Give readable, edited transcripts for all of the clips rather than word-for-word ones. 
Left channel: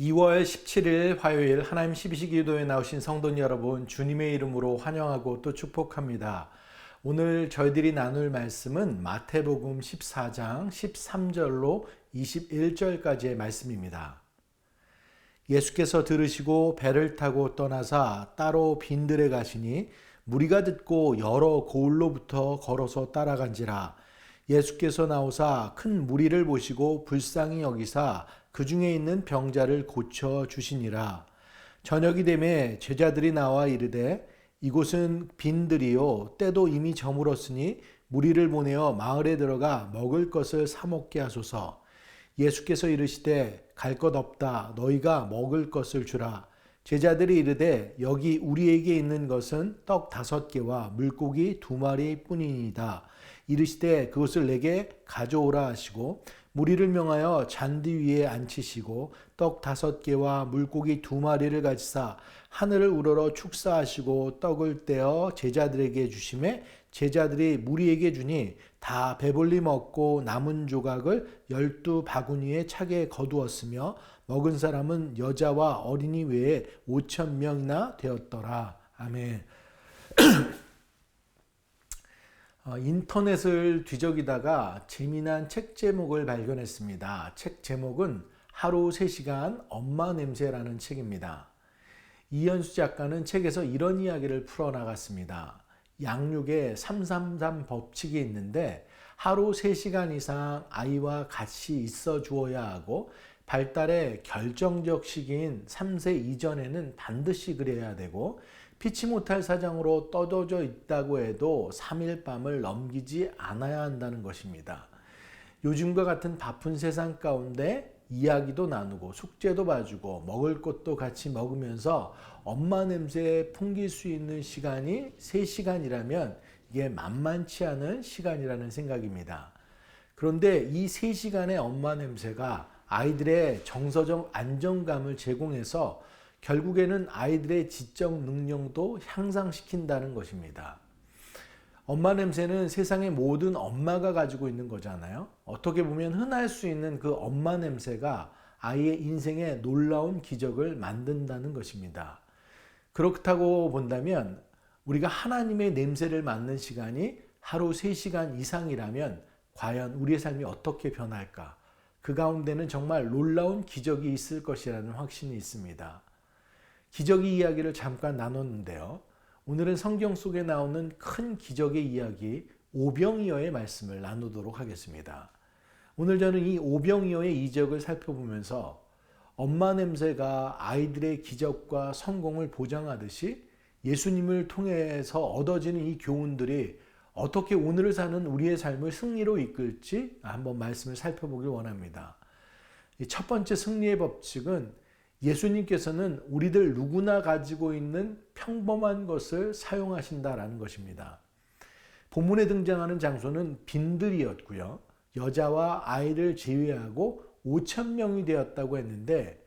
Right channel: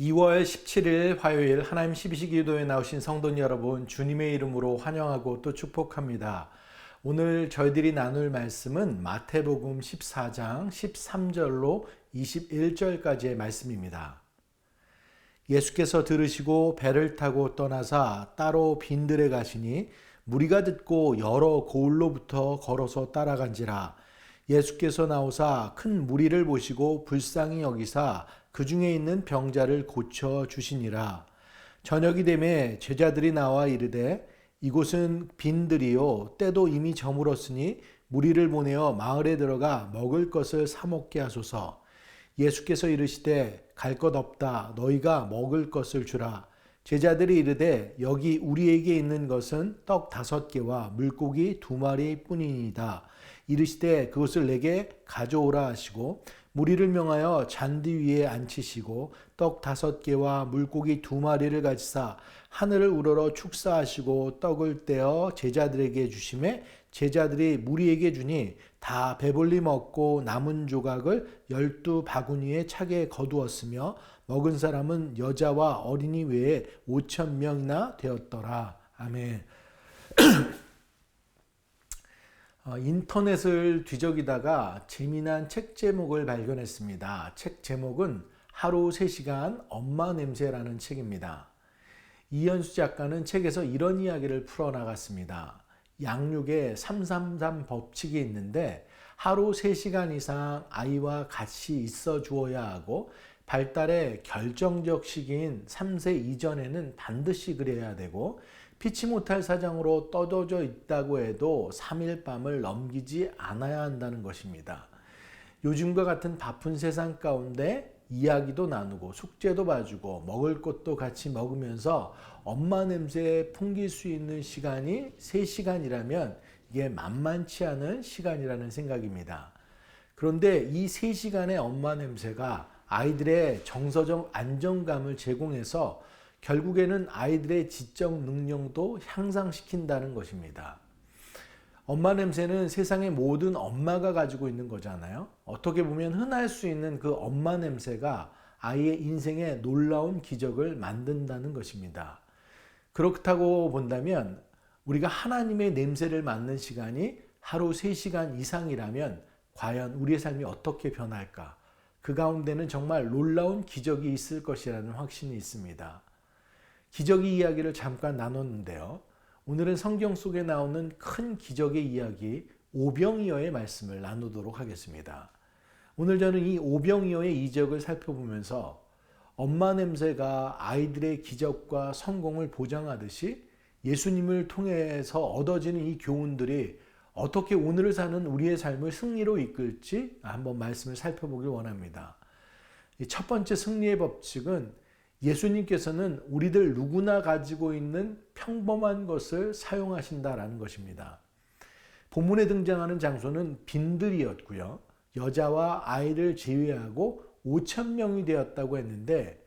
2월 17일 화요일 하나님 12시 기도에 나오신 성도 여러분, 주님의 이름으로 환영하고 또 축복합니다. 오늘 저희들이 나눌 말씀은 마태복음 14장 13절로 21절까지의 말씀입니다. 예수께서 들으시고 배를 타고 떠나사 따로 빈들에 가시니 무리가 듣고 여러 고을로부터 걸어서 따라간지라. 예수께서 나오사 큰 무리를 보시고 불쌍히 여기사 그 중에 있는 병자를 고쳐 주시니라. 저녁이 되매 제자들이 나와 이르되 이곳은 빈들이요 때도 이미 저물었으니 무리를 보내어 마을에 들어가 먹을 것을 사 먹게 하소서. 예수께서 이르시되 갈 것 없다. 너희가 먹을 것을 주라. 제자들이 이르되 여기 우리에게 있는 것은 떡 5개와 물고기 2마리 뿐이니이다. 이르시되 그것을 내게 가져오라 하시고 무리를 명하여 잔디 위에 앉히시고 떡 5개와 물고기 2마리를 가지사 하늘을 우러러 축사하시고 떡을 떼어 제자들에게 주시매 제자들이 무리에게 주니 다 배불리 먹고 남은 조각을 12바구니에 차게 거두었으며 먹은 사람은 여자와 어린이 외에 5,000명이나 되었더라. 아멘. 인터넷을 뒤적이다가 재미난 책 제목을 발견했습니다. 책 제목은 하루 3시간 엄마 냄새라는 책입니다. 이현수 작가는 책에서 이런 이야기를 풀어나갔습니다. 양육에 333 법칙이 있는데 하루 3시간 이상 아이와 같이 있어 주어야 하고 발달의 결정적 시기인 3세 이전에는 반드시 그래야 되고 피치 못할 사정으로 떠도져 있다고 해도 3일 밤을 넘기지 않아야 한다는 것입니다. 요즘과 같은 바쁜 세상 가운데 이야기도 나누고 숙제도 봐주고 먹을 것도 같이 먹으면서 엄마 냄새 풍길 수 있는 시간이 3시간이라면 이게 만만치 않은 시간이라는 생각입니다. 그런데 이 3시간의 엄마 냄새가 아이들의 정서적 안정감을 제공해서 결국에는 아이들의 지적 능력도 향상시킨다는 것입니다. 엄마 냄새는 세상의 모든 엄마가 가지고 있는 거잖아요. 어떻게 보면 흔할 수 있는 그 엄마 냄새가 아이의 인생에 놀라운 기적을 만든다는 것입니다. 그렇다고 본다면 우리가 하나님의 냄새를 맡는 시간이 하루 3시간 이상이라면 과연 우리의 삶이 어떻게 변할까? 그 가운데는 정말 놀라운 기적이 있을 것이라는 확신이 있습니다. 기적의 이야기를 잠깐 나눴는데요. 오늘은 성경 속에 나오는 큰 기적의 이야기 오병이어의 말씀을 나누도록 하겠습니다. 오늘 저는 이 오병이어의 이적을 살펴보면서 엄마 냄새가 아이들의 기적과 성공을 보장하듯이 예수님을 통해서 얻어지는 이 교훈들이 어떻게 오늘을 사는 우리의 삶을 승리로 이끌지 한번 말씀을 살펴보길 원합니다. 첫 번째 승리의 법칙은 예수님께서는 우리들 누구나 가지고 있는 평범한 것을 사용하신다라는 것입니다. 본문에 등장하는 장소는 빈들이었고요. 여자와 아이를 제외하고 5,000명이 되었다고 했는데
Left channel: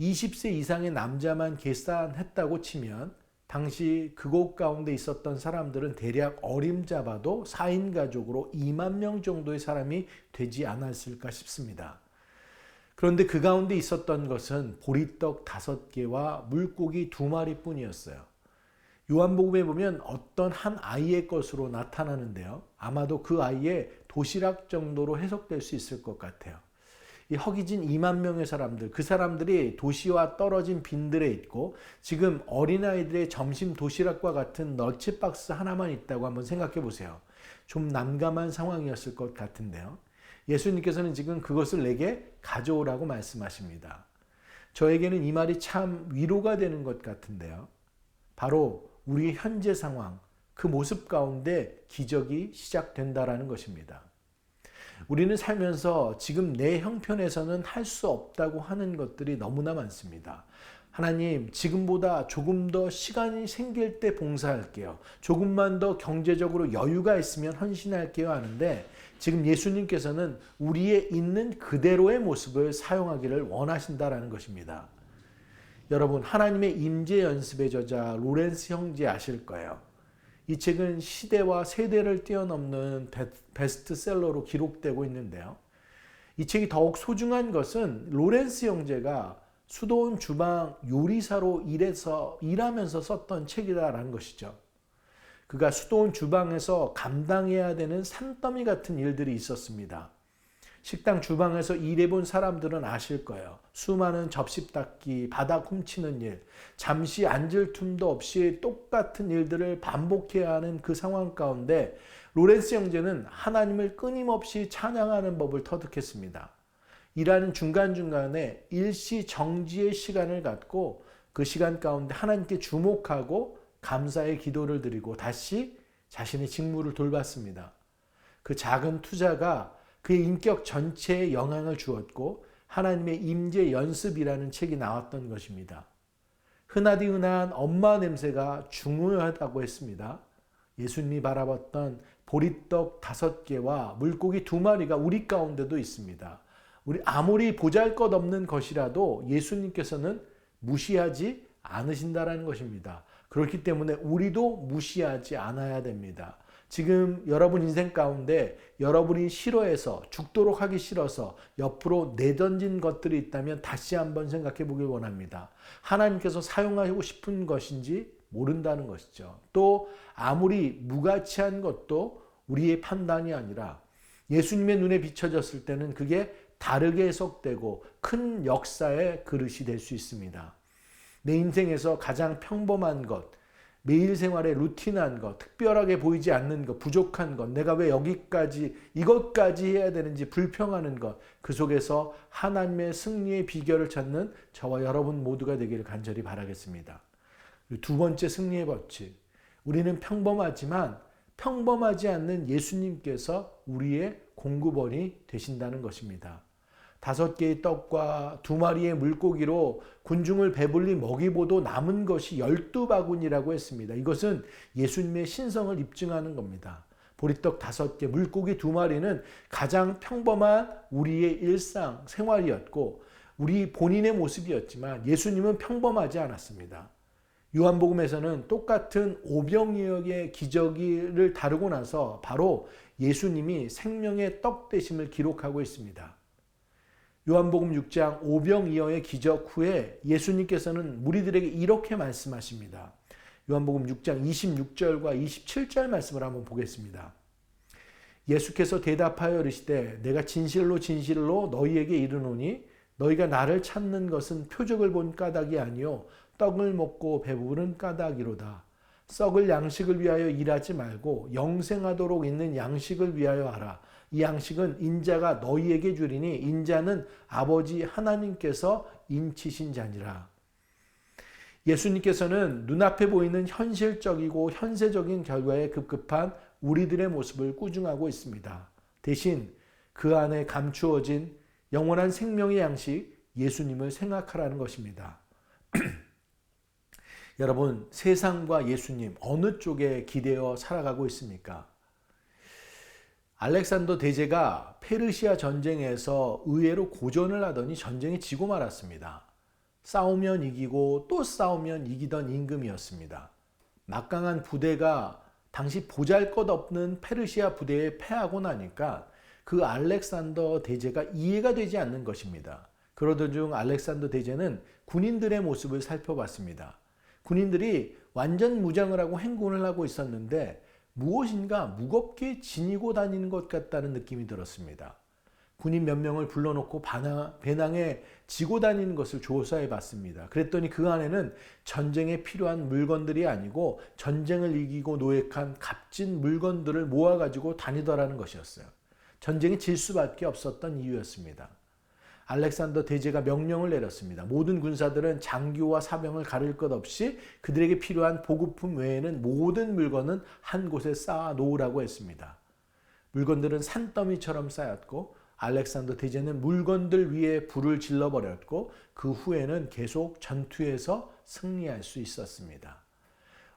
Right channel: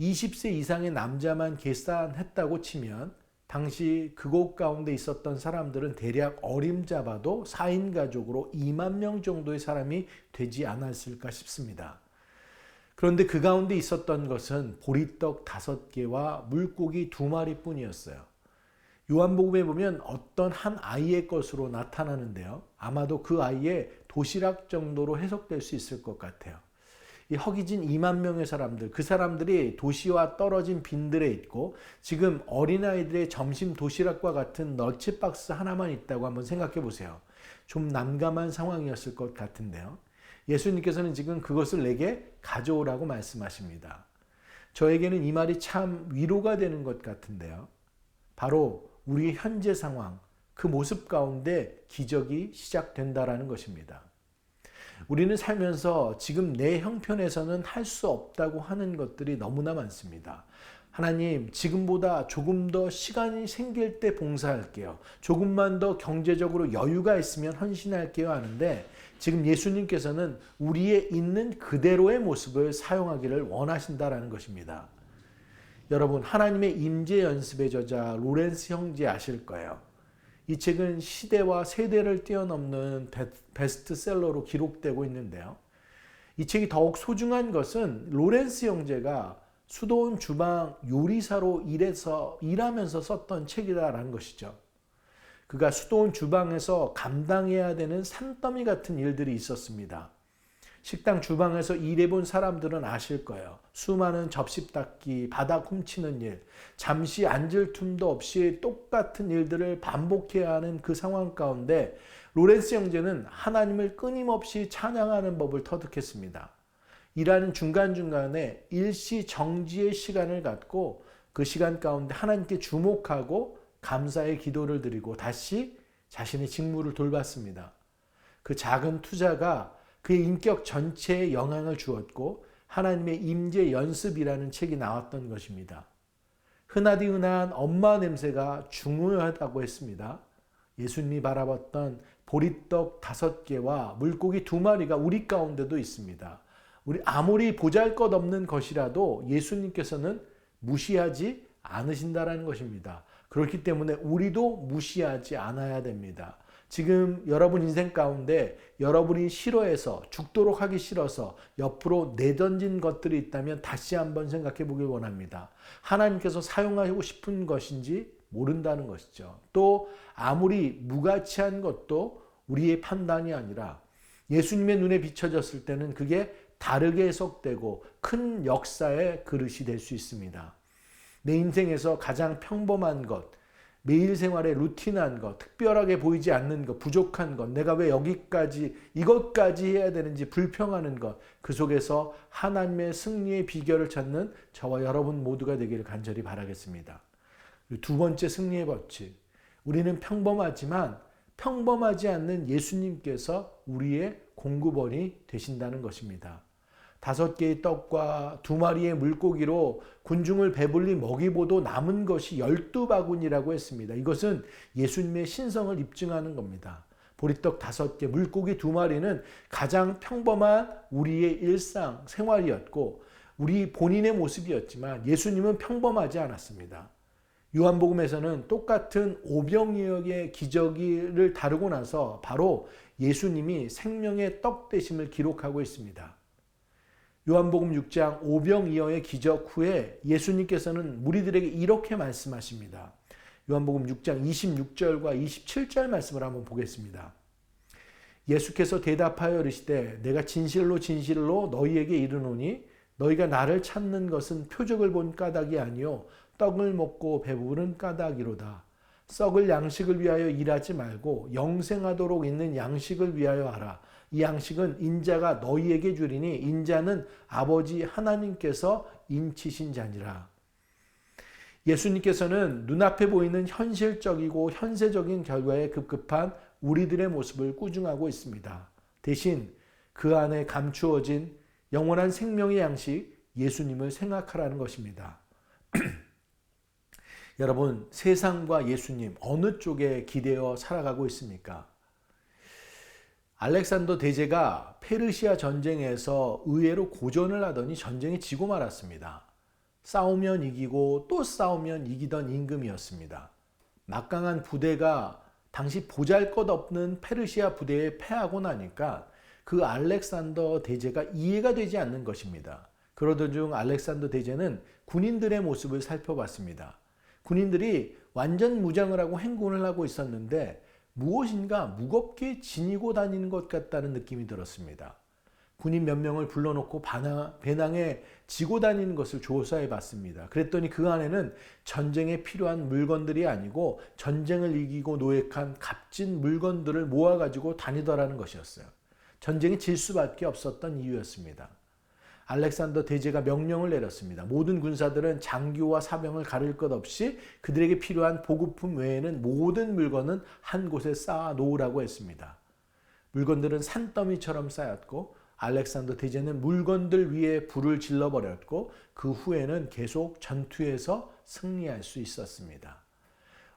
20세 이상의 남자만 계산했다고 치면 당시 그곳 가운데 있었던 사람들은 대략 어림잡아도 4인 가족으로 2만 명 정도의 사람이 되지 않았을까 싶습니다. 그런데 그 가운데 있었던 것은 보리떡 5개와 물고기 2마리 뿐이었어요. 요한복음에 보면 어떤 한 아이의 것으로 나타나는데요. 아마도 그 아이의 도시락 정도로 해석될 수 있을 것 같아요. 이 허기진 2만 명의 사람들, 그 사람들이 도시와 떨어진 빈들에 있고 지금 어린아이들의 점심 도시락과 같은 널치박스 하나만 있다고 한번 생각해 보세요. 좀 난감한 상황이었을 것 같은데요. 예수님께서는 지금 그것을 내게 가져오라고 말씀하십니다. 저에게는 이 말이 참 위로가 되는 것 같은데요. 바로 우리의 현재 상황, 그 모습 가운데 기적이 시작된다라는 것입니다. 우리는 살면서 지금 내 형편에서는 할 수 없다고 하는 것들이 너무나 많습니다. 하나님, 지금보다 조금 더 시간이 생길 때 봉사할게요. 조금만 더 경제적으로 여유가 있으면 헌신할게요 하는데 지금 예수님께서는 우리의 있는 그대로의 모습을 사용하기를 원하신다라는 것입니다. 여러분, 하나님의 임재 연습의 저자 로렌스 형제 아실 거예요. 이 책은 시대와 세대를 뛰어넘는 베스트셀러로 기록되고 있는데요. 이 책이 더욱 소중한 것은 로렌스 형제가 수도원 주방 요리사로 일하면서 썼던 책이다라는 것이죠. 그가 수도원 주방에서 감당해야 되는 산더미 같은 일들이 있었습니다. 식당 주방에서 일해본 사람들은 아실 거예요. 수많은 접시 닦기, 바닥 훔치는 일, 잠시 앉을 틈도 없이 똑같은 일들을 반복해야 하는 그 상황 가운데 로렌스 형제는 하나님을 끊임없이 찬양하는 법을 터득했습니다. 일하는 중간중간에 일시 정지의 시간을 갖고 그 시간 가운데 하나님께 주목하고 감사의 기도를 드리고 다시 자신의 직무를 돌봤습니다. 그 작은 투자가 그의 인격 전체에 영향을 주었고 하나님의 임재 연습이라는 책이 나왔던 것입니다. 흔하디 흔한 엄마 냄새가 중요하다고 했습니다. 예수님이 바라봤던 보리떡 5개와 물고기 2마리가 우리 가운데도 있습니다. 우리 아무리 보잘것없는 것이라도 예수님께서는 무시하지 않으신다라는 것입니다. 그렇기 때문에 우리도 무시하지 않아야 됩니다. 지금 여러분 인생 가운데 여러분이 싫어해서 죽도록 하기 싫어서 옆으로 내던진 것들이 있다면 다시 한번 생각해 보길 원합니다. 하나님께서 사용하고 싶은 것인지 모른다는 것이죠. 또 아무리 무가치한 것도 우리의 판단이 아니라 예수님의 눈에 비춰졌을 때는 그게 다르게 해석되고 큰 역사의 그릇이 될 수 있습니다. 내 인생에서 가장 평범한 것, 매일 생활에 루틴한 것, 특별하게 보이지 않는 것, 부족한 것, 내가 왜 여기까지 이것까지 해야 되는지 불평하는 것, 그 속에서 하나님의 승리의 비결을 찾는 저와 여러분 모두가 되기를 간절히 바라겠습니다. 두 번째 승리의 법칙, 우리는 평범하지만 평범하지 않는 예수님께서 우리의 공급원이 되신다는 것입니다. 5개의 떡과 2마리의 물고기로 군중을 배불리 먹이보도 남은 것이 12바구니라고 했습니다. 이것은 예수님의 신성을 입증하는 겁니다. 보리떡 5개, 물고기 2마리는 가장 평범한 우리의 일상, 생활이었고 우리 본인의 모습이었지만 예수님은 평범하지 않았습니다. 요한복음에서는 똑같은 오병이어의 기적을 다루고 나서 바로 예수님이 생명의 떡 되심을 기록하고 있습니다. 요한복음 6장 오병이어의 기적 후에 예수님께서는 무리들에게 이렇게 말씀하십니다. 요한복음 6장 26절과 27절 말씀을 한번 보겠습니다. 예수께서 대답하여 이르시되 내가 진실로 진실로 너희에게 이르노니 너희가 나를 찾는 것은 표적을 본 까닭이 아니요 떡을 먹고 배부른 까닭이로다. 썩을 양식을 위하여 일하지 말고 영생하도록 있는 양식을 위하여 하라. 이 양식은 인자가 너희에게 주리니 인자는 아버지 하나님께서 인치신 자니라. 예수님께서는 눈앞에 보이는 현실적이고 현세적인 결과에 급급한 우리들의 모습을 꾸중하고 있습니다. 대신 그 안에 감추어진 영원한 생명의 양식 예수님을 생각하라는 것입니다. 여러분, 세상과 예수님 어느 쪽에 기대어 살아가고 있습니까? 알렉산더 대제가 페르시아 전쟁에서 의외로 고전을 하더니 전쟁에 지고 말았습니다. 싸우면 이기고 또 싸우면 이기던 임금이었습니다. 막강한 부대가 당시 보잘것없는 페르시아 부대에 패하고 나니까 그 알렉산더 대제가 이해가 되지 않는 것입니다. 그러던 중 알렉산더 대제는 군인들의 모습을 살펴봤습니다. 군인들이 완전 무장을 하고 행군을 하고 있었는데 무엇인가 무겁게 지니고 다니는 것 같다는 느낌이 들었습니다. 군인 몇 명을 불러놓고 배낭에 지고 다니는 것을 조사해 봤습니다. 그랬더니 그 안에는 전쟁에 필요한 물건들이 아니고 전쟁을 이기고 노획한 값진 물건들을 모아가지고 다니더라는 것이었어요. 전쟁에 질 수밖에 없었던 이유였습니다. 알렉산더 대제가 명령을 내렸습니다. 모든 군사들은 장교와 사병을 가릴 것 없이 그들에게 필요한 보급품 외에는 모든 물건은 한 곳에 쌓아 놓으라고 했습니다. 물건들은 산더미처럼 쌓였고 알렉산더 대제는 물건들 위에 불을 질러버렸고 그 후에는 계속 전투에서 승리할 수 있었습니다.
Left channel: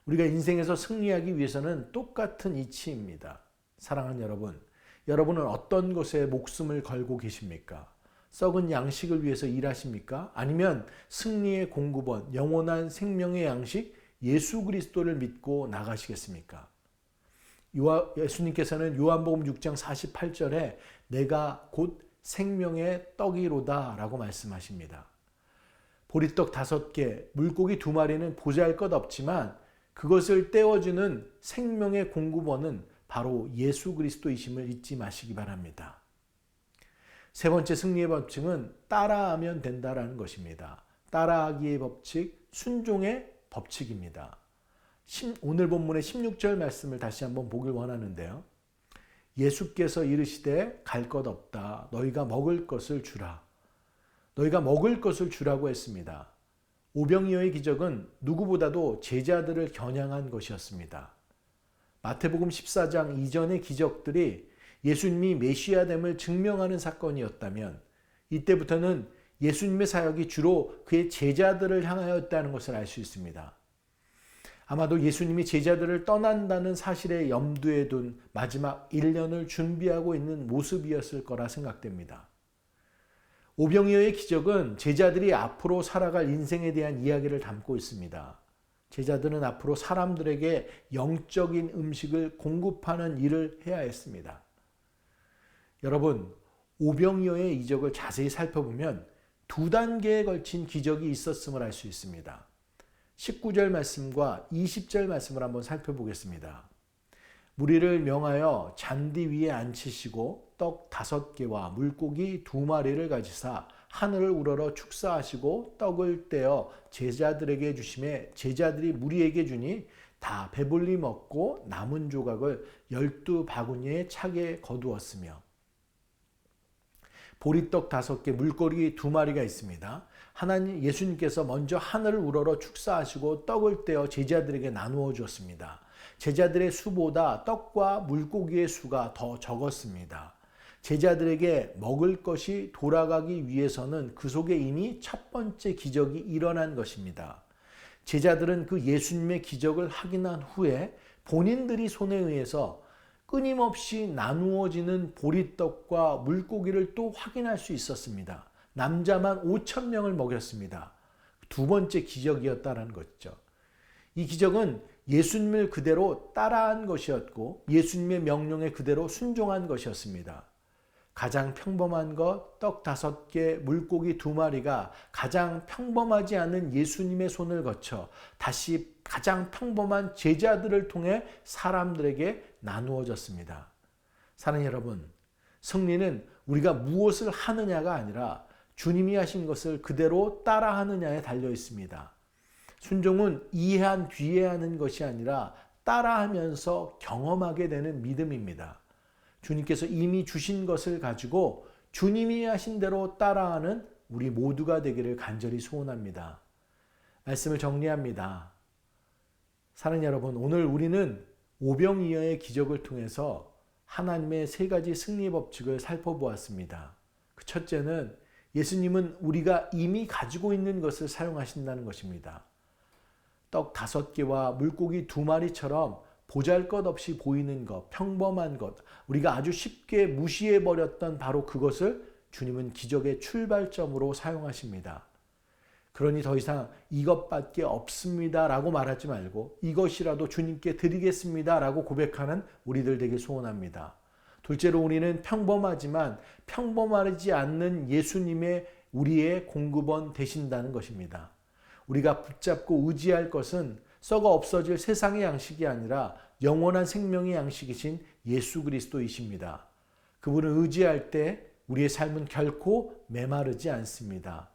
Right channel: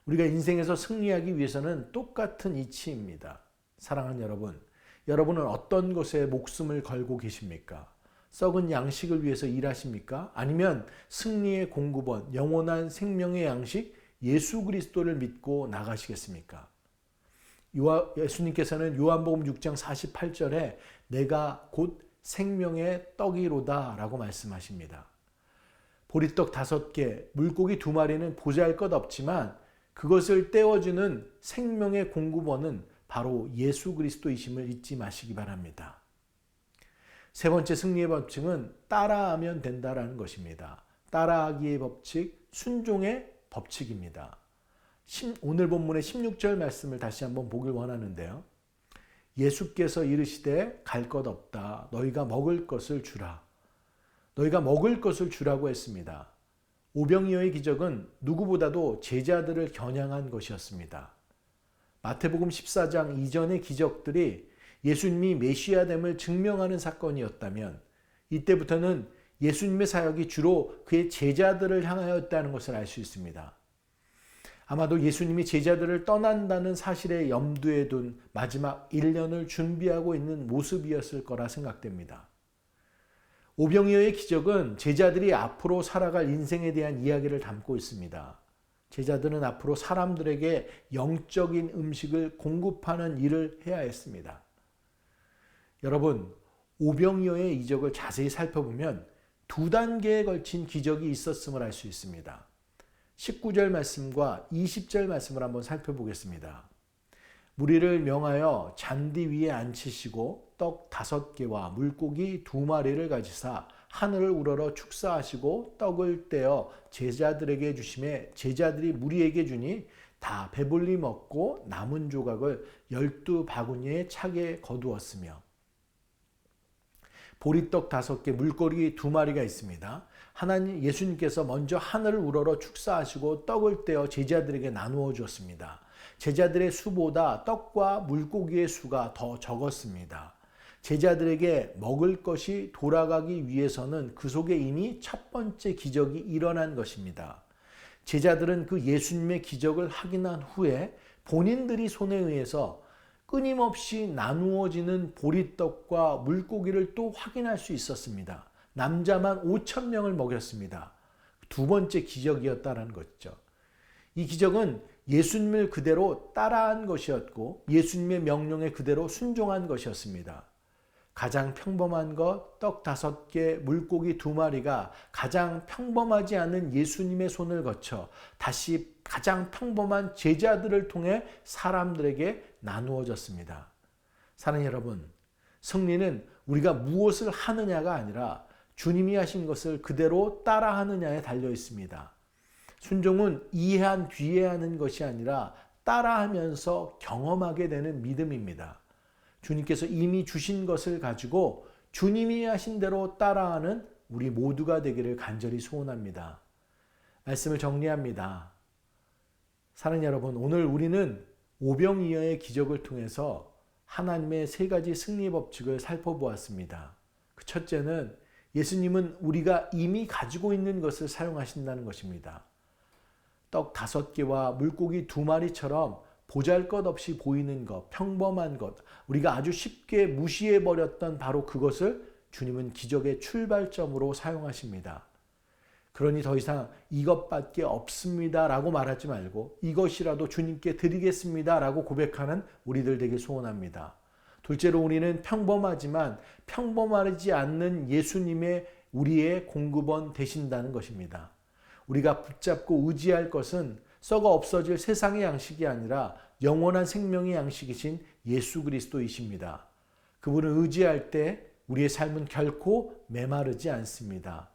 우리가 인생에서 승리하기 위해서는 똑같은 이치입니다. 사랑하는 여러분, 여러분은 어떤 것에 목숨을 걸고 계십니까? 썩은 양식을 위해서 일하십니까? 아니면 승리의 공급원, 영원한 생명의 양식 예수 그리스도를 믿고 나가시겠습니까? 예수님께서는 요한복음 6장 48절에 내가 곧 생명의 떡이로다 라고 말씀하십니다. 보리떡 5개, 물고기 2마리는 보잘것없지만 그것을 떼어주는 생명의 공급원은 바로 예수 그리스도이심을 잊지 마시기 바랍니다. 세 번째 승리의 법칙은 따라하면 된다라는 것입니다. 따라하기의 법칙, 순종의 법칙입니다. 오늘 본문의 16절 말씀을 다시 한번 보길 원하는데요. 예수께서 이르시되 갈 것 없다. 너희가 먹을 것을 주라. 너희가 먹을 것을 주라고 했습니다. 오병이어의 기적은 누구보다도 제자들을 겨냥한 것이었습니다. 마태복음 14장 이전의 기적들이 예수님이 메시아됨을 증명하는 사건이었다면 이때부터는 예수님의 사역이 주로 그의 제자들을 향하였다는 것을 알 수 있습니다. 아마도 예수님이 제자들을 떠난다는 사실에 염두에 둔 마지막 1년을 준비하고 있는 모습이었을 거라 생각됩니다. 오병이어의 기적은 제자들이 앞으로 살아갈 인생에 대한 이야기를 담고 있습니다. 제자들은 앞으로 사람들에게 영적인 음식을 공급하는 일을 해야 했습니다. 여러분, 오병이어의 이적을 자세히 살펴보면 2단계에 걸친 기적이 있었음을 알 수 있습니다. 19절 말씀과 20절 말씀을 한번 살펴보겠습니다. 무리를 명하여 잔디 위에 앉히시고 떡 5개와 물고기 2마리를 가지사 하늘을 우러러 축사하시고 떡을 떼어 제자들에게 주심에 제자들이 무리에게 주니 다 배불리 먹고 남은 조각을 12바구니에 차게 거두었으며 보리떡 5개, 물고기 2마리가 있습니다. 하나님 예수님께서 먼저 하늘을 우러러 축사하시고 떡을 떼어 제자들에게 나누어 주었습니다. 제자들의 수보다 떡과 물고기의 수가 더 적었습니다. 제자들에게 먹을 것이 돌아가기 위해서는 그 속에 이미 첫 번째 기적이 일어난 것입니다. 제자들은 그 예수님의 기적을 확인한 후에 본인들이 손에 의해서 끊임없이 나누어지는 보리떡과 물고기를 또 확인할 수 있었습니다. 남자만 5,000명을 먹였습니다. 2번째 기적이었다는 것이죠. 이 기적은 예수님을 그대로 따라한 것이었고 예수님의 명령에 그대로 순종한 것이었습니다. 가장 평범한 것, 떡 5개, 물고기 2마리가 가장 평범하지 않은 예수님의 손을 거쳐 다시 가장 평범한 제자들을 통해 사람들에게 나누어졌습니다. 사랑하는 여러분, 승리는 우리가 무엇을 하느냐가 아니라 주님이 하신 것을 그대로 따라하느냐에 달려 있습니다. 순종은 이해한 뒤에 하는 것이 아니라 따라하면서 경험하게 되는 믿음입니다. 주님께서 이미 주신 것을 가지고 주님이 하신 대로 따라하는 우리 모두가 되기를 간절히 소원합니다. 말씀을 정리합니다. 사랑하는 여러분, 오늘 우리는 오병이어의 기적을 통해서 하나님의 3가지 승리 법칙을 살펴보았습니다. 그 첫째는 예수님은 우리가 이미 가지고 있는 것을 사용하신다는 것입니다. 떡 5개와 물고기 2마리처럼 보잘것없이 보이는 것, 평범한 것, 우리가 아주 쉽게 무시해버렸던 바로 그것을 주님은 기적의 출발점으로 사용하십니다. 그러니 더 이상 이것밖에 없습니다 라고 말하지 말고 이것이라도 주님께 드리겠습니다 라고 고백하는 우리들 되길 소원합니다. 둘째로 우리는 평범하지만 평범하지 않는 예수님의 우리의 공급원 되신다는 것입니다. 우리가 붙잡고 의지할 것은 썩어 없어질 세상의 양식이 아니라 영원한 생명의 양식이신 예수 그리스도이십니다. 그분을 의지할 때 우리의 삶은 결코 메마르지 않습니다.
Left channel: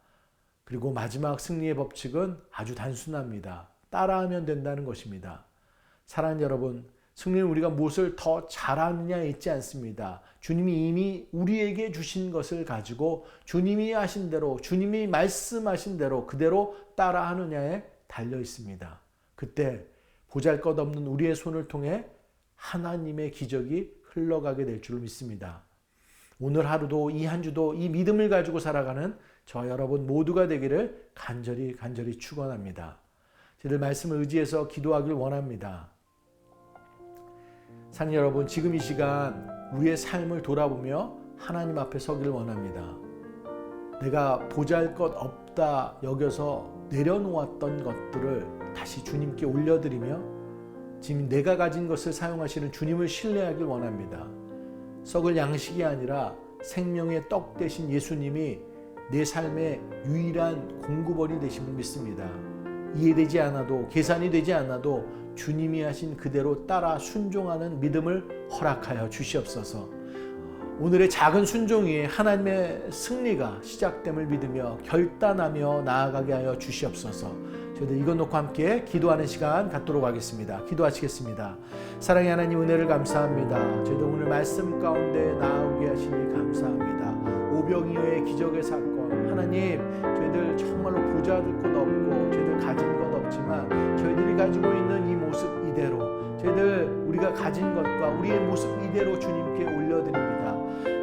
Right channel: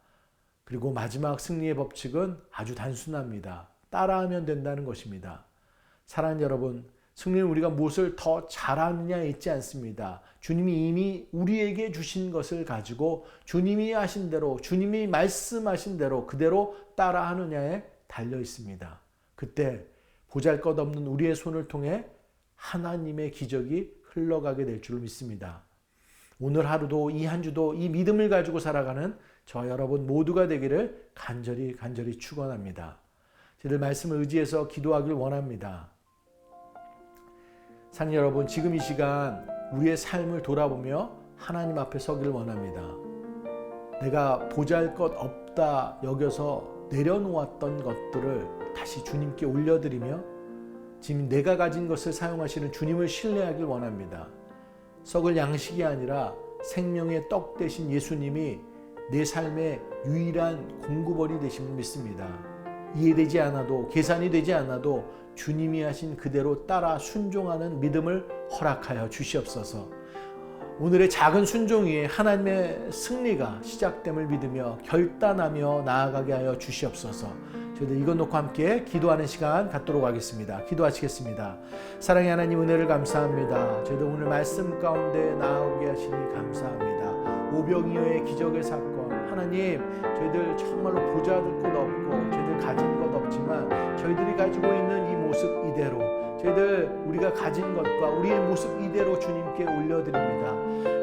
그리고 마지막 승리의 법칙은 아주 단순합니다. 따라하면 된다는 것입니다. 사랑하는 여러분, 승리는 우리가 무엇을 더 잘하느냐에 있지 않습니다. 주님이 이미 우리에게 주신 것을 가지고 주님이 하신 대로, 주님이 말씀하신 대로 그대로 따라하느냐에 달려 있습니다. 그때 보잘것없는 우리의 손을 통해 하나님의 기적이 흘러가게 될 줄 믿습니다. 오늘 하루도 이 한 주도 이 믿음을 가지고 살아가는 저 여러분 모두가 되기를 간절히 축원합니다. 저희들 말씀을 의지해서 기도하길 원합니다. 사랑하는 여러분, 지금 이 시간 우리의 삶을 돌아보며 하나님 앞에 서기를 원합니다. 내가 보잘것없다 여겨서 내려놓았던 것들을 다시 주님께 올려드리며 지금 내가 가진 것을 사용하시는 주님을 신뢰하길 원합니다. 썩을 양식이 아니라 생명의 떡 되신 예수님이 내 삶의 유일한 공급원이 되심을 믿습니다. 이해되지 않아도, 계산이 되지 않아도 주님이 하신 그대로 따라 순종하는 믿음을 허락하여 주시옵소서. 오늘의 작은 순종이 하나님의 승리가 시작됨을 믿으며 결단하며 나아가게 하여 주시옵소서. 저희들 이것 놓고 함께 기도하는 시간 갖도록 하겠습니다. 기도하시겠습니다. 사랑의 하나님, 은혜를 감사합니다. 저희들 오늘 말씀 가운데 나오게 하시니 감사합니다. 오병이어의 기적의 사건, 하나님, 저희들 정말로 보잘것 없고 저희들 가진 것 없지만 저희들이 가지고 있는 이 모습 이대로, 저희들 우리가 가진 것과 우리의 모습 이대로 주님께 올려드립니다.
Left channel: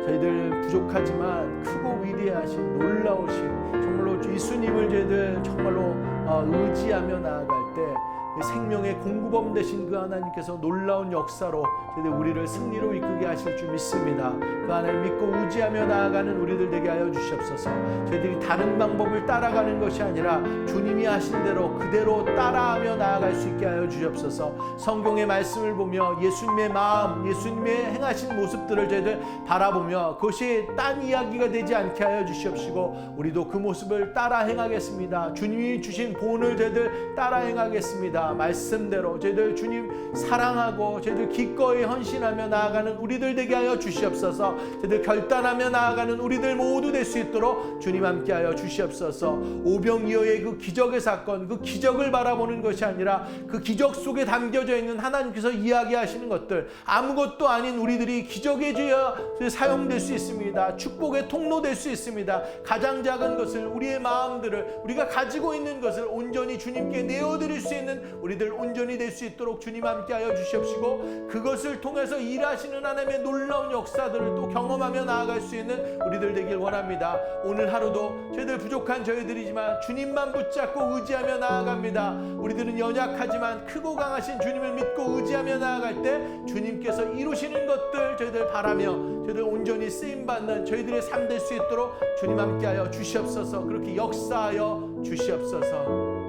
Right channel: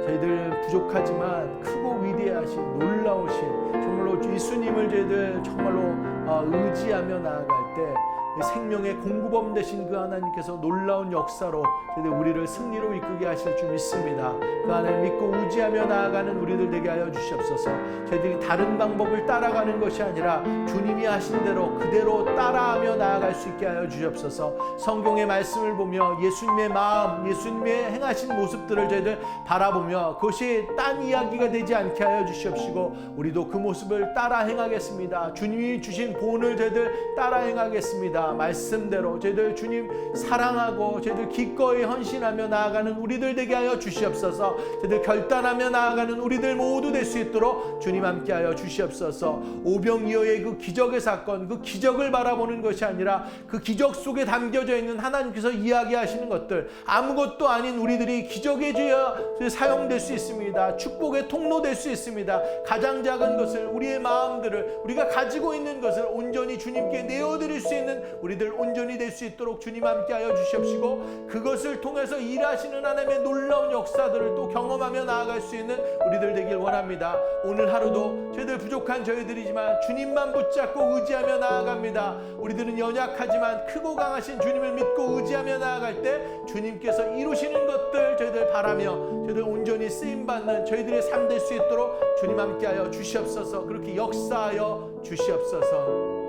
저희들 부족하지만 크고 위대하신, 놀라우신 정말로 예수님을 저희들 정말로 의지하며 나아갈 때 생명의 공급원 되신 그 하나님께서 놀라운 역사로 저희들 우리를 승리로 이끌게 하실 줄 믿습니다. 그 하나님 믿고 의지하며 나아가는 우리들 되게 하여 주시옵소서. 저희들이 다른 방법을 따라가는 것이 아니라 주님이 하신 대로 그대로 따라하며 나아갈 수 있게 하여 주시옵소서. 성경의 말씀을 보며 예수님의 마음, 예수님의 행하신 모습들을 저희들 바라보며 그것이 딴 이야기가 되지 않게 하여 주시옵시고 우리도 그 모습을 따라 행하겠습니다. 주님이 주신 본을 저희들 따라 행하겠습니다. 말씀대로 저희들 주님 사랑하고 저희들 기꺼이 헌신하며 나아가는 우리들 되게 하여 주시옵소서. 저희들 결단하며 나아가는 우리들 모두 될 수 있도록 주님 함께하여 주시옵소서. 오병이어의 그 기적의 사건, 그 기적을 바라보는 것이 아니라 그 기적 속에 담겨져 있는 하나님께서 이야기하시는 것들, 아무것도 아닌 우리들이 기적의 주여 사용될 수 있습니다. 축복의 통로 될 수 있습니다. 가장 작은 것을, 우리의 마음들을, 우리가 가지고 있는 것을 온전히 주님께 내어드릴 수 있는 우리들 온전히 될 수 있도록 주님 함께하여 주시옵시고 그것을 통해서 일하시는 하나님의 놀라운 역사들을 또 경험하며 나아갈 수 있는 우리들 되길 원합니다. 오늘 하루도 저희들 부족한 저희들이지만 주님만 붙잡고 의지하며 나아갑니다. 우리들은 연약하지만 크고 강하신 주님을 믿고 의지하며 나아갈 때 주님께서 이루시는 것들 저희들 바라며 저희들 온전히 쓰임받는 저희들의 삶 될 수 있도록 주님 함께하여 주시옵소서. 그렇게 역사하여 주시옵소서.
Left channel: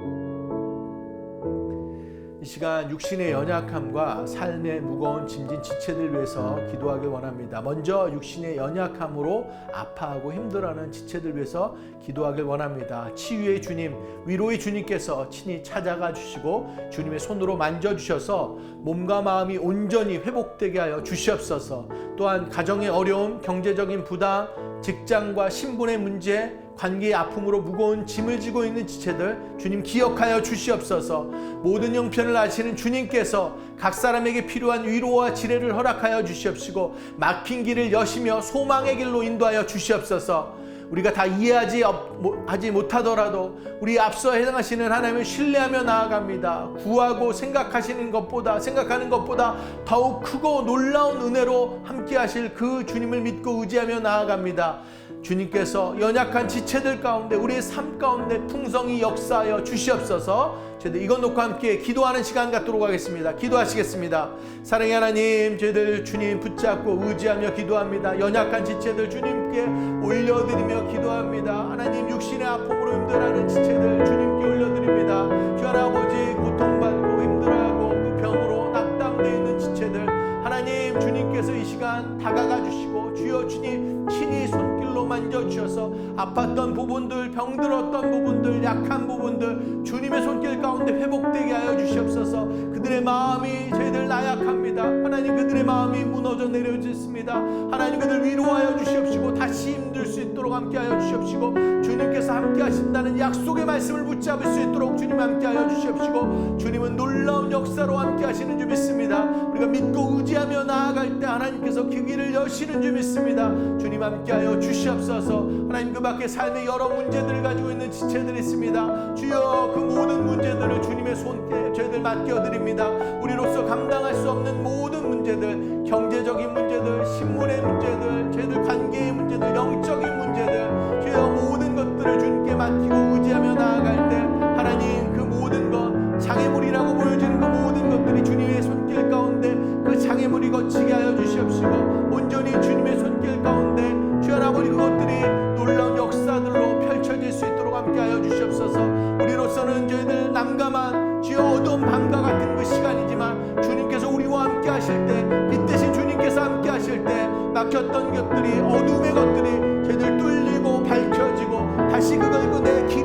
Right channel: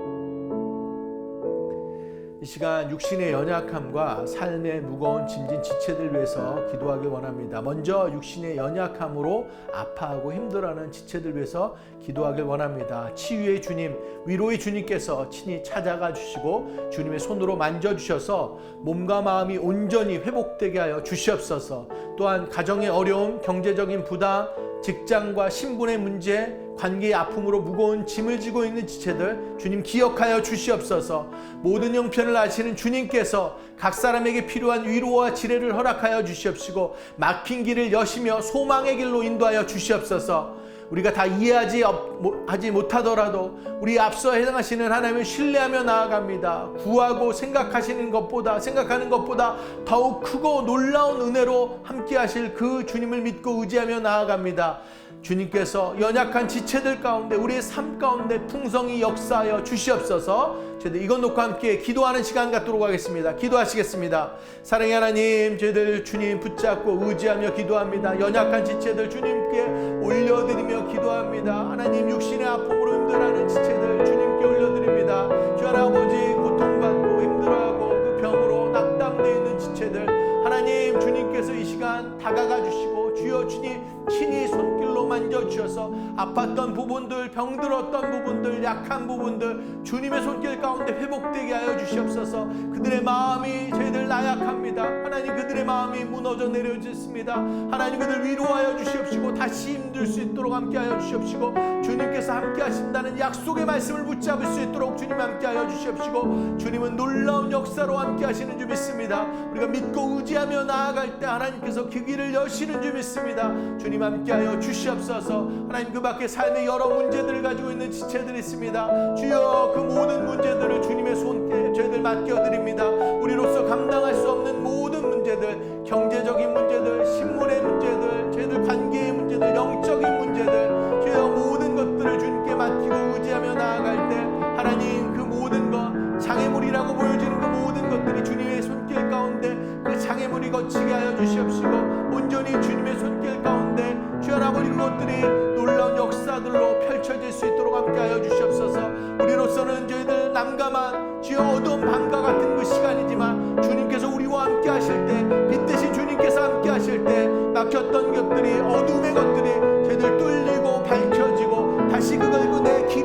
이 시간 육신의 연약함과 삶의 무거운 짐진 지체들 위해서 기도하길 원합니다. 먼저 육신의 연약함으로 아파하고 힘들어하는 지체들 위해서 기도하길 원합니다. 치유의 주님, 위로의 주님께서 친히 찾아가 주시고 주님의 손으로 만져주셔서 몸과 마음이 온전히 회복되게 하여 주시옵소서. 또한 가정의 어려움, 경제적인 부담, 직장과 신분의 문제, 관계의 아픔으로 무거운 짐을 지고 있는 지체들 주님 기억하여 주시옵소서. 모든 형편을 아시는 주님께서 각 사람에게 필요한 위로와 지혜를 허락하여 주시옵시고 막힌 길을 여시며 소망의 길로 인도하여 주시옵소서. 우리가 다 이해하지 못하더라도 우리 앞서 해당하시는 하나님을 신뢰하며 나아갑니다. 구하고 생각하는 것보다 더욱 크고 놀라운 은혜로 함께 하실 그 주님을 믿고 의지하며 나아갑니다. 주님께서 연약한 지체들 가운데 우리의 삶 가운데 풍성히 역사하여 주시옵소서. 저희들 이것 놓고 함께 기도하는 시간 갖도록 하겠습니다. 기도하시겠습니다. 사랑의 하나님, 저희들 주님 붙잡고 의지하며 기도합니다. 연약한 지체들 주님께 올려드리며 기도합니다. 하나님, 육신의 아픔으로 힘들어하는 지체들 주님께 올려드립니다. 주 할아버지, 고통받고 힘들어하고 그 병으로 낙담되어 있는 지체들 하나님, 주님께서 이 시간 다가가 주시고 주여 주님 친히 손길로 만져주셔서 아팠던 부분들, 병들었던 부분들, 약한 부분들 주님의 손길 가운데 회복되게 하여 주시옵소서. 그들의 마음이 저희들 나약합니다. 하나님, 그들의 마음이 무너져 내려졌습니다. 하나님, 그들 위로하여 주시옵시고 다시 힘들 수 있도록 함께 하여 주시옵시고 주님께서 함께 하신다는 약속의 말씀을 붙잡을 수 있도록 주님 함께 하여 주시옵시고 주님은 놀라운 역사로 함께 하시는 줄 믿습니다. 우리가 믿고 의지하며 나아갈 때 하나님께서 그 길을 여시는 줄 믿습니다. 주님 함께 하여 주시옵소서. 하나님, 그 밖에 삶의 여러 문제들을 가지고 있는 지체들이 있습니다. 주여, 그 모든 문제들을 주님의 손께 저희들 맡겨드립니다. 우리로서 감당할 수 없는 모든 문제들, 경제적인 문제들, 신문의 문제들, 저희들 관계의 문제들, 영적인 문제들, 주여 모든 것들을 주님께 맡기고 의지하며 나아갈 때 하나님, 그 모든 것, 장애물이라고 보여지는 그 모든 것들이 주님의 손길 가운데 그 장애물이 거치게 하여 주시옵시고 온전히 주님의 손길 가운데 주여 아버지 그것들이 놀라운 역사들로 펼쳐질 수 있도록 함께 하여 주시옵소서. 우리로서는 저희들 난감한 주여 어두운 밤과 같은 그 시간이지만 주님께서 우리와 함께 하실 때, 빛 대신 주님께서 함께 하실 때 막혔던 것들이, 어둠의 것들이 저희들 뚫리고 밝혀지고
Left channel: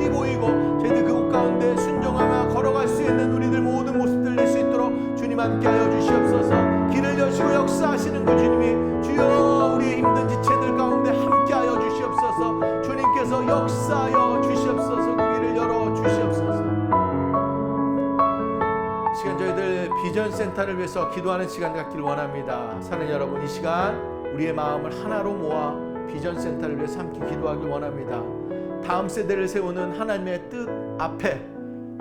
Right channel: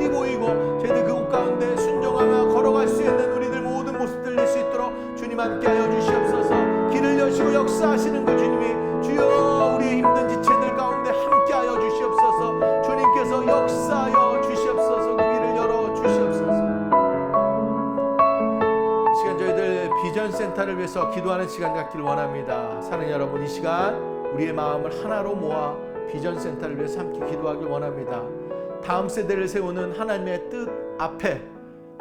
힘이 보이고 저희들 그곳 가운데 순종하며 걸어갈 수 있는 우리들 모든 모습들 낼 수 있도록 주님 함께하여 주시옵소서. 길을 여시고 역사하시는 그 주님이 주여 우리의 힘든 지체들 가운데 함께하여 주시옵소서. 주님께서 역사하여 주시옵소서. 그 길을 열어 주시옵소서. 이 시간 저희들 비전센터를 위해서 기도하는 시간 갖기를 원합니다. 사는 여러분, 이 시간 우리의 마음을 하나로 모아 비전센터를 위해서 함께 기도하길 원합니다. 다음 세대를 세우는 하나님의 뜻 앞에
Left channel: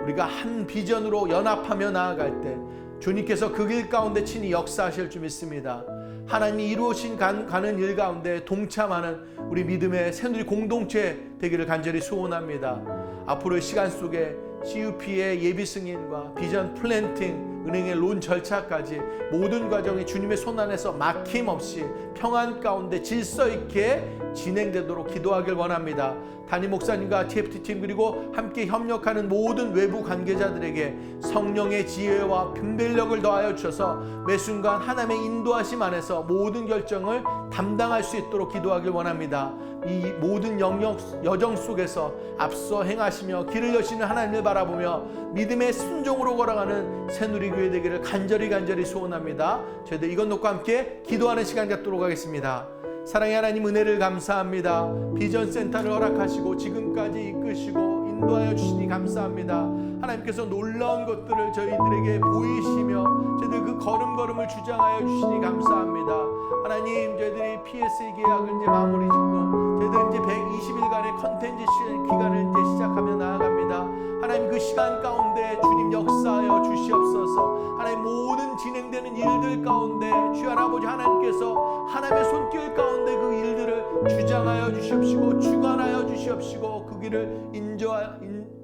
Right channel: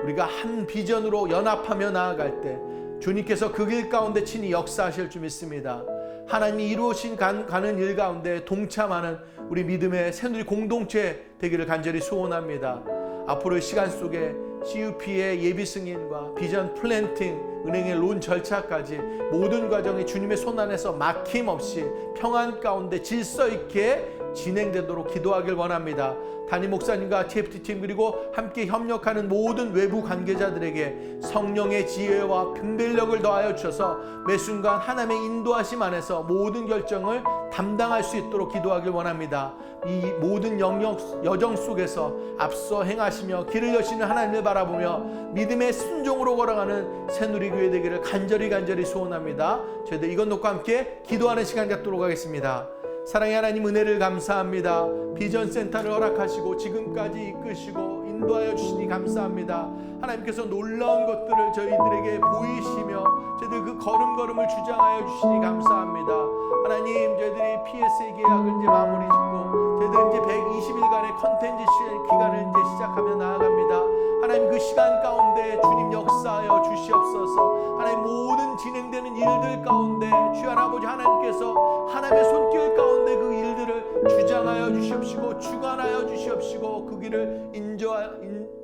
우리가 한 비전으로 연합하며 나아갈 때 주님께서 그 길 가운데 친히 역사하실 줄 믿습니다. 하나님이 이루어진 가는 일 가운데 동참하는 우리 믿음의 새누리 공동체 되기를 간절히 소원합니다. 앞으로의 시간 속에 CUP의 예비 승인과 비전 플랜팅, 은행의 론 절차까지 모든 과정이 주님의 손 안에서 막힘없이 평안 가운데 질서 있게 진행되도록 기도하길 원합니다. 담임 목사님과 TFT팀 그리고 함께 협력하는 모든 외부 관계자들에게 성령의 지혜와 분별력을 더하여 주셔서 매 순간 하나님의 인도하심 안에서 모든 결정을 담당할 수 있도록 기도하길 원합니다. 이 모든 여정 속에서 앞서 행하시며 길을 여시는 하나님을 바라보며 믿음의 순종으로 걸어가는 새누리교회 되기를 간절히 소원합니다. 저희들 이것 놓고 함께 기도하는 시간 갖도록 하겠습니다. 사랑의 하나님, 은혜를 감사합니다. 비전센터를 허락하시고 지금까지 이끄시고 인도하여 주시니 감사합니다. 하나님께서 놀라운 것들을 저희들에게 보이시며 저희들 그 걸음걸음을 주장하여 주시니 감사합니다. 하나님, 저희들이 PSA 계약을 이제 마무리 짓고 저희들 이제 120일간의 컨텐츠 기간을 이제 시작하며 나아갑니다. 하나님, 그 시간 가운데 주님 역사하여 주시옵소서. 하나님, 모든 진행되는 일들 가운데 주여 아버지 하나님께서 하나님의 손길 가운데 그 일들을 주장하여 주시옵시고 주관하여 주시옵시고 그 길을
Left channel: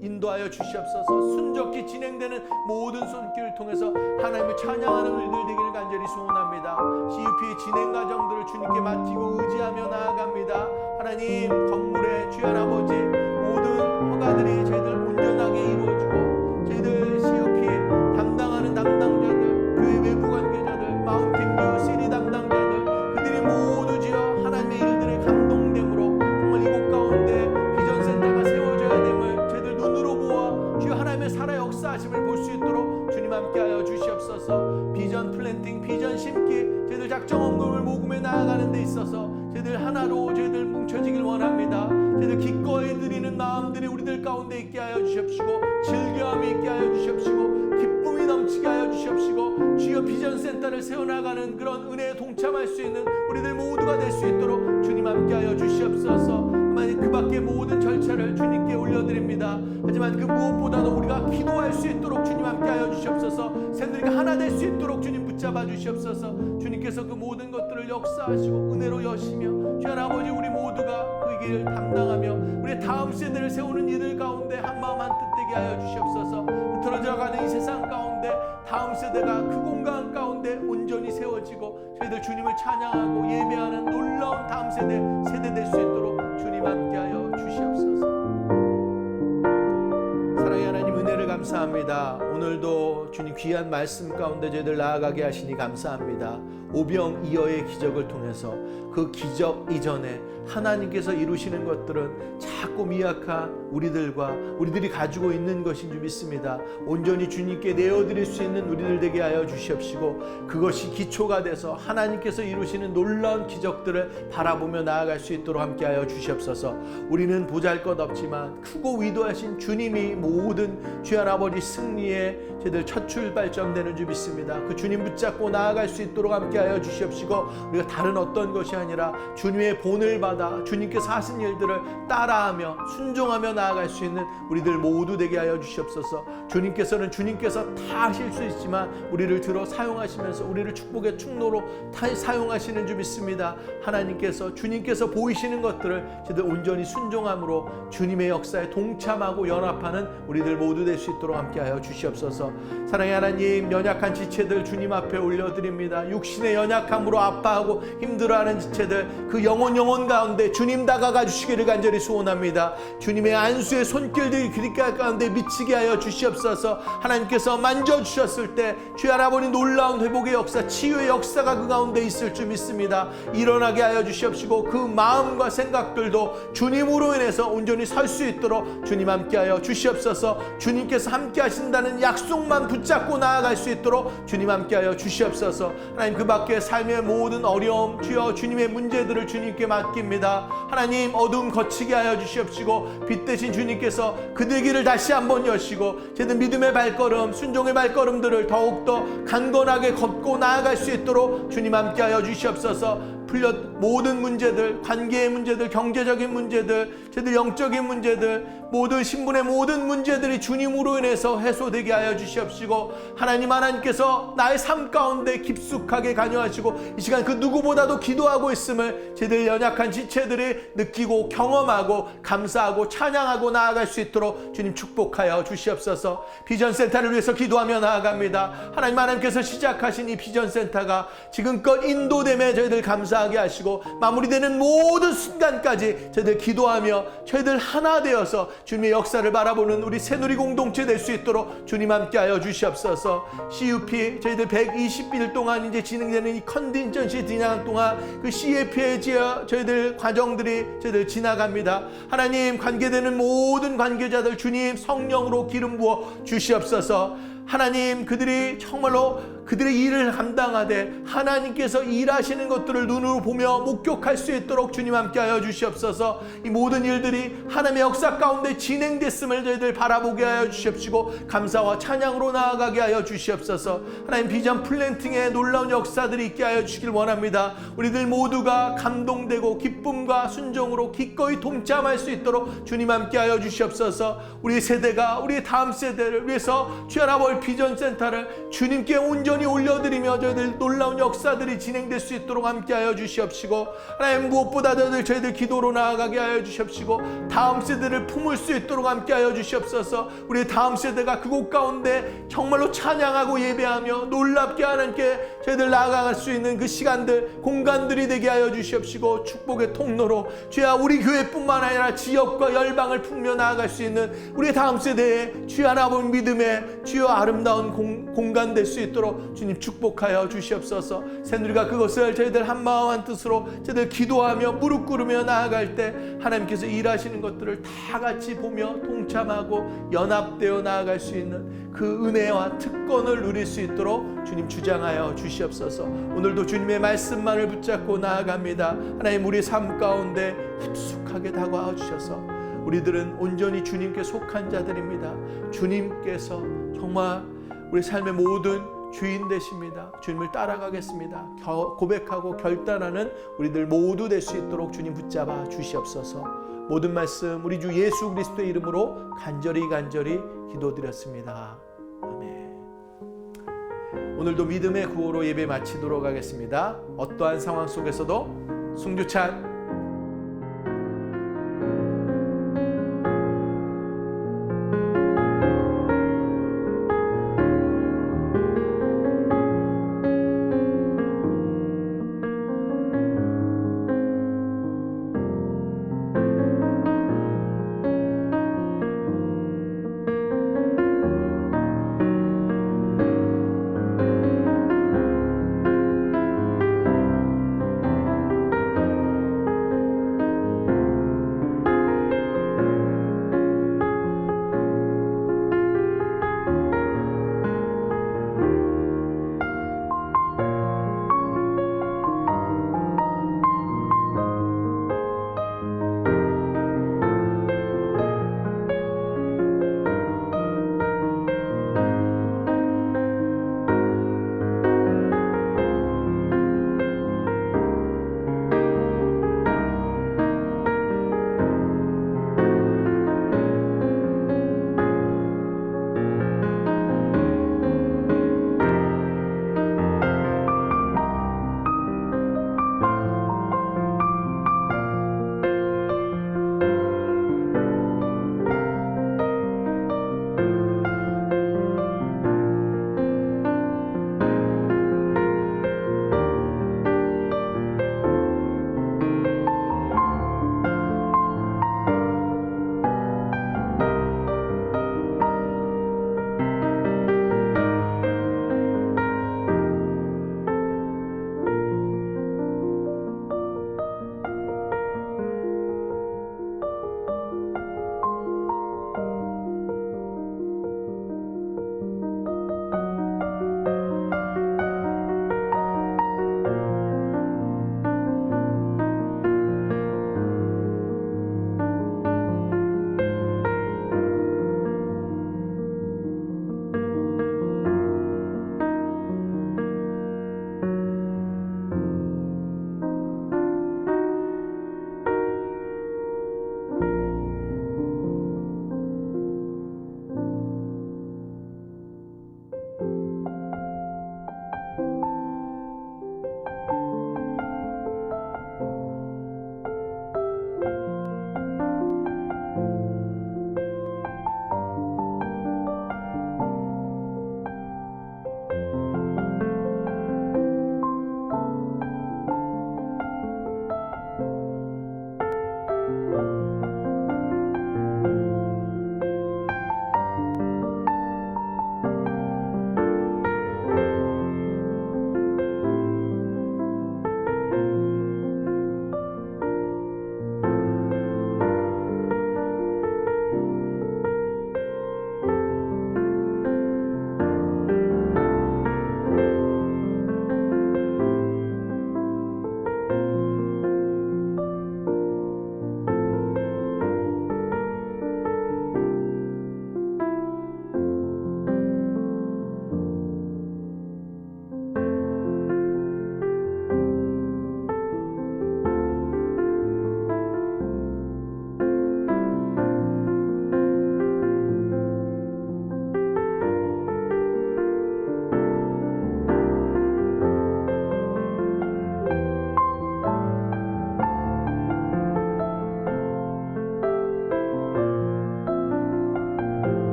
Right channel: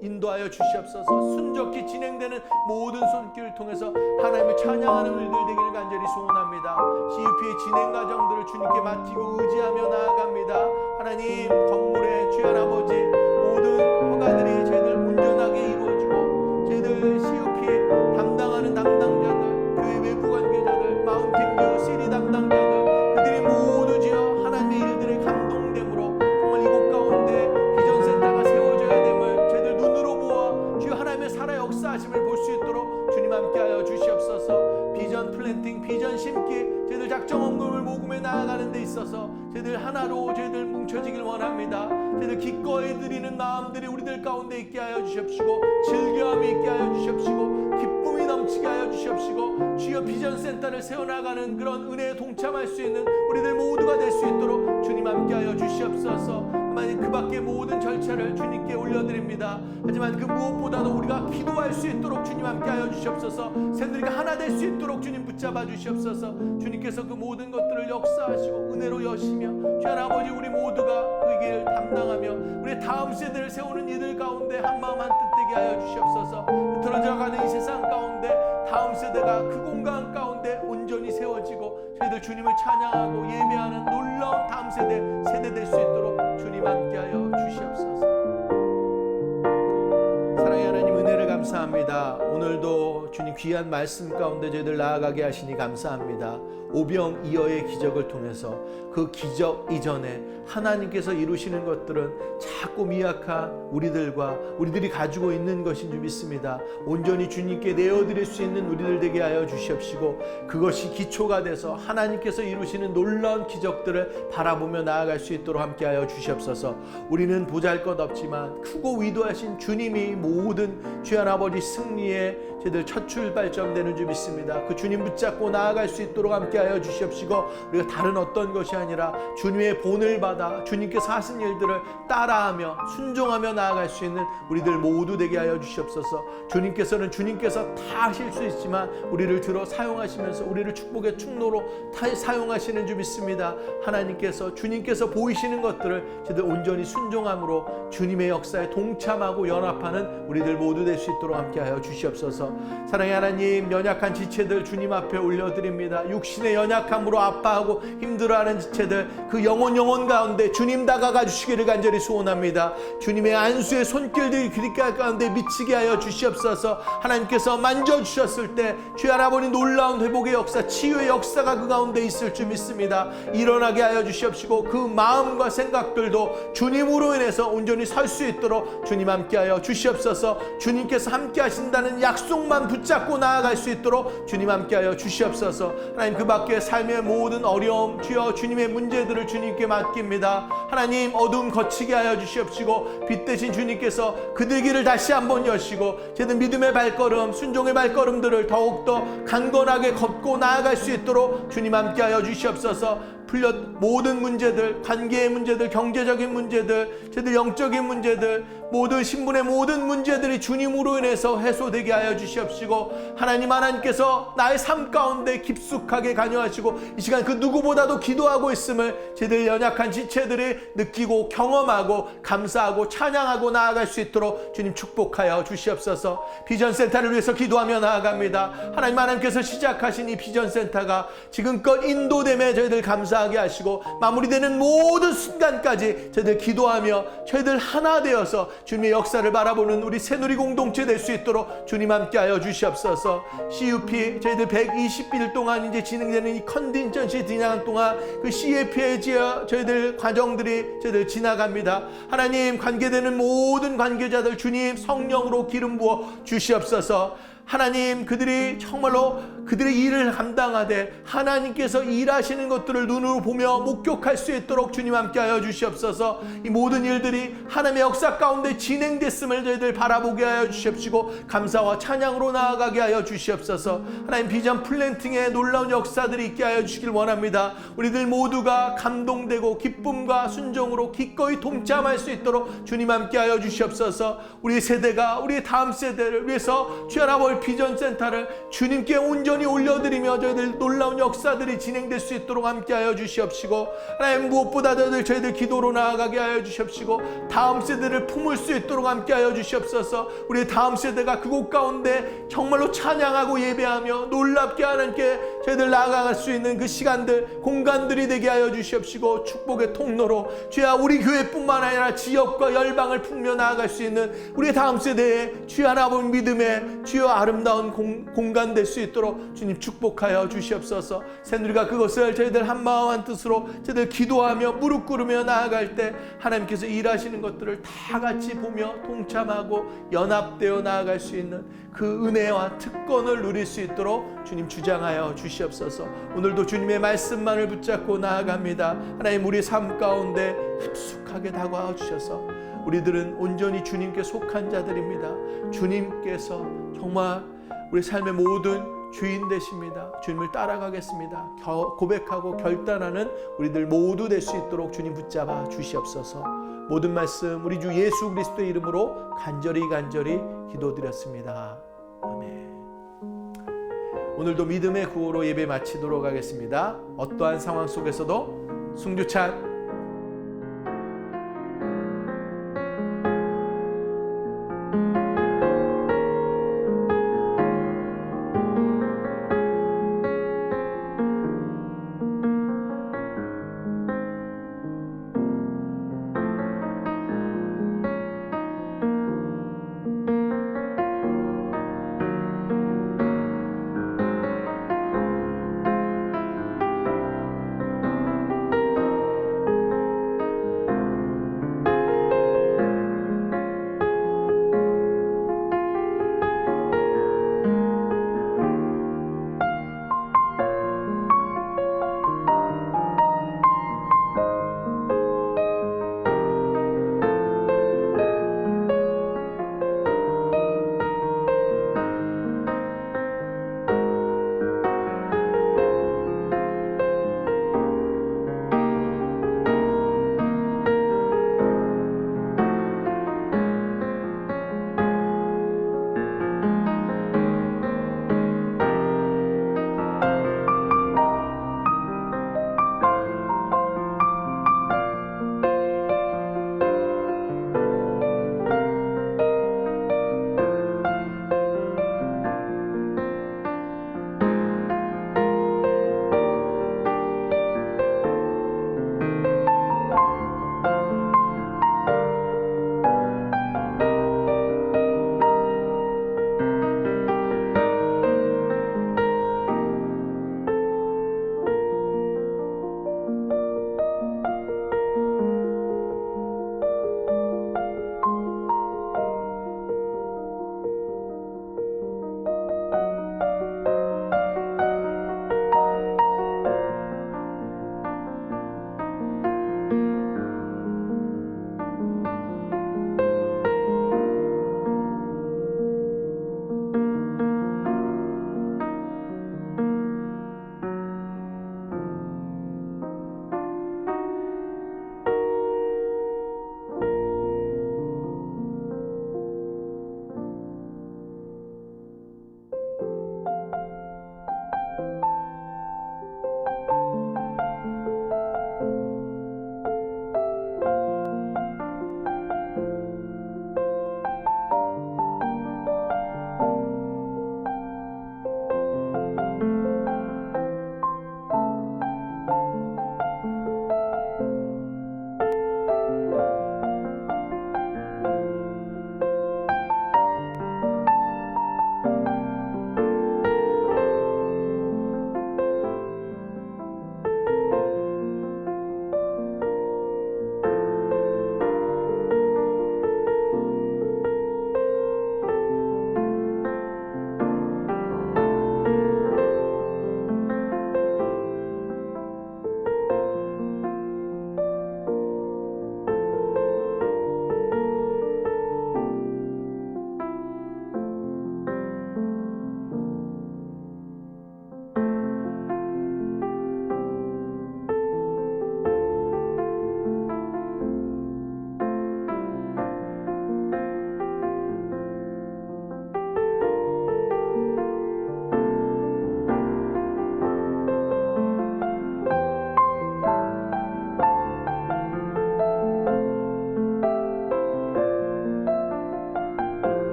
인도하여 주시옵소서. 순적히 진행되는 모든 손길을 통해서 하나님을 찬양하는 일들 되기를 간절히 소원합니다. CUP의 진행 과정들을 주님께 맡기고 의지하며 나아갑니다. 하나님, 건물의 주여 아버지 모든 허가들이 저희들 온전하게 이루어지고 저희들 CUP 담당하는 담당자들, 교회 외부 관계자들, 마운틴뷰 시리 담당자들, 그들이 모두 주여 하나님의 일들에 감동됨으로 정말 이곳 가운데 비전센터가 세워져야 됨을 저희들 눈으로 보아 주여 하나님의 살아 역사하심을 볼 수 있도록 주님 함께하여 주시옵소서. 비전 플랜팅, 비전 심기, 저희들 작정 헌금을 모금해 나아가는 데 있어서 저희들 하나로 저희들 뭉쳐지길 원합니다. 저희들 기꺼이 드리는 마음들이 우리들 가운데 있게 하여 주시옵시고 즐거움이 있게 하여 주시옵시고 기쁨이 넘치게 하여 주시옵시고 주여 비전센터를 세워나가는 그런 은혜에 동참할 수 있는 우리들 모두가 될 수 있도록 주님 함께하여 주시옵소서. 하나님, 그 밖의 모든 절차를 주님께 올려드립니다. 하지만 그 무엇보다도 우리가 기도할 수 있도록 주님 함께하여 주시옵소서. 새누리가 하나 될 수 있도록 주님 붙잡아 주시옵소서. 주님께서 그 모든 것들을 역사하시고 은혜로 여시며 주여 아버지 우리 모두가 그 길을 담당하며 우리 다음 세대를 세우는 이들 가운데 한마음 한뜻 되게 하여 주시옵소서. 흐트러져가는 이 세상 가운데 다음 세대가 그 공간 가운데 온전히 세워지고 저희들 주님을 찬양하고 예배하는 놀라운 다음 세대 될 수 있도록 주님 함께하여 주시옵소서. 사랑의 하나님, 은혜를 감사합니다. 오늘도 주님 귀한 말씀 가운데 저희들 나아가게 하시니 감사합니다. 오병이어의 기적을 통해서 그 기적 이전에 하나님께서 이루시는 것들은 작고 미약한 우리들이 가지고 있는 것인 줄 믿습니다. 온전히 주님께 내어드릴 수 있는 우리들 되게 하여 주시옵시고 그것이 기초가 돼서 하나님께서 이루시는 놀라운 기적들을 바라보며 나아갈 수 있도록 함께하여 주시옵소서. 우리는 보잘것없지만 크고 위대하신 주님이 모든 주여 아버지 승리의 저희들 첫 출발점 되는 줄 믿습니다. 그 주님 붙잡고 나아갈 수 있도록 함께하여 주시옵시고 우리가 다른 어떤 것이 아니라 주님의 본을 받아 주님께서 하신 일들을 따라하며 순종하며 나아갈 수 있는 우리들 모두 되게 하여 주시옵소서. 주님께서는 주님께서 다 하실 수 있지만 우리를 들어 사용하시면서 우리를 축복의 충로로 사용하시는 줄 믿습니다. 하나님께서 주님께서 보이시는 것들을 저희들 온전히 순종함으로 주님의 역사에 동참하고 연합하는 우리들 모두 될 수 있도록 함께하여 주시옵소서. 주시옵소서. 사랑의 하나님, 연약한 지체들 주님 앞에 올려드립니다. 육신의 연약함으로 아파하고 힘들어하는 지체들, 그 영혼 가운데 주님 다가가 주시기를 간절히 소원합니다. 주님의 안수의 손길들이 그리깔 가운데 미치게 하여 주시옵소서. 하나님께서 만져주셨을 때 주의 하나님 놀라운 회복의 역사, 치유의 역사가 그 가운데 있을 줄 믿습니다. 일어나게 하여 주시옵시고 그 마음과 생각들도 주님으로 인해서 온전히 설 수 있도록 주님 함께하여 주시옵소서. 주님께서 함께 하신다는 약속만 붙잡고 나아갈 수 있도록 주님 함께하여 주시옵소서. 하나님, 그 밖에 삶의 모든 어려움, 주여 주님의 문제들을 주님께 맡깁니다. 하나님, 어두움 거치게 하여 주시옵시고 빛 대신 주님께서 그들 길을 다시 한번 여시고 저희들 믿음의 발걸음, 순종의 발걸음들을 더욱더 강건하게 걷고 나아갈 수 있도록 주님 함께하여 주시옵소서. 모든 문제들, 관계의 문제들, 경제적인 문제들, 저희들 영적인 문제들, 모든 신분의 모든 문제들이 주님으로 인해서 해소되게 하여 주시옵시고 하나님께서 나의 삶 가운데 깊숙하게 관여하시고 이 시간 그 누구보다도 기도하고 있음을 저희들 연약한 지체들이 느끼고 경험하고 감사하고 찬양하고 나아갈 수 있도록 주님 축복하여 주시옵소서. 비전센터를 위해서 기도하며 나아갑니다. 하나님께서 시작하신 이 비전센터가 지금껏 인도됨에 저희들 감사하게 하시고 마무리되는 모든 순간까지 저희들 기도하며 저희들 하나 되어서 주님의 역사를 바라보는 우리 새누리 공동체 될 수 있도록 주님 함께하여 주시옵소서. CUP 저희들 120일 동안 이제 진행되는 이 컨텐션시 진행한 동안 그 CF의 저희들 과정들이 저희들 지나갑니다. 하나님, 관계되는 모든 관계자들 주님 성령으로 기름 부어 주시옵소서. 하나님, 그들이 정말로 그들의 일을 감당하되 하나님께서 일하시는 것들을 눈으로 보며 목격할 수 있도록 주님 함께하여 주시옵소서. 이 모든 일들이 하나님의 역사 가운데 진행됐음을 저희들 바라보게 하여 주시옵시고 감사와 찬양으로 나아가게 하여 주시옵소서. 하나님, 비전 플랜팅의 놀라운 역사들이 있게 하여 주시길 원합니다. 우리들 모두가 감동되고 기쁨과 순종으로 기꺼이 동참할 수 있도록 주님 함께하여 주시옵소서. 우리 세대가 우리 다음 세대를 위해서 주야라볼 비전센터를 주님께 온전히 올려드리며 저희들 놀라운 역사들이 진행될 수 있도록 함께하여 주시옵시고 하나님, 무엇보다도 저희들 기도로 나아가게 하여 주시옵시고 다음 세대를 품을 수 있도록 함께하여 주시옵소서. 우리 다음 세대가 그곳 가운데 정말로 찬양하고 예배하며 놀랍게 하나님께 저희들 나아갈 수 있는 그 시간들, 공간들이 되게 하여 주시옵시고 축복의 통로로 주야 우리 교회뿐만 아니라 지역과 열방을 품며 나아갈 수 있는 우리 다음 세대의 주여 하나님 믿음의 주여 아름다운 공간 될 수 있도록 주님 축복하여 주시옵소서. 새누리가 그것을 저희들 한마음 한뜻으로 저희들 기도하며 무릎 꿇으며 나아갈 때 하나님께서 일하시는 것들을 다 같이 보며 동참하고 연합되어 나아갈 수 있는 그 은혜와 특권을 누릴 수 있도록 주님 주장하여 주시옵소서. 오늘도 주님의 말씀만을 붙잡고 나아갑니다. 하나님, 우리 삶 가운데 깊숙하게 다가와 주셔서 우리들은 온전히 주님께 속한 자들입니다. 주님께서 정말 우리 삶의 모든 주인 되십니다. 주님을 따라가겠습니다. 고백하고 결단하는 우리들 모두 될 수 있도록 주님 붙잡아 주시옵소서. 모든 말씀 우리 주 예수 그리스도의 이름으로 간절히 기도드렸습니다. 아멘. 오늘도 믿음의 구호로 예배 마치도록 하겠습니다. 어떠한 상황 속에서도 승주찬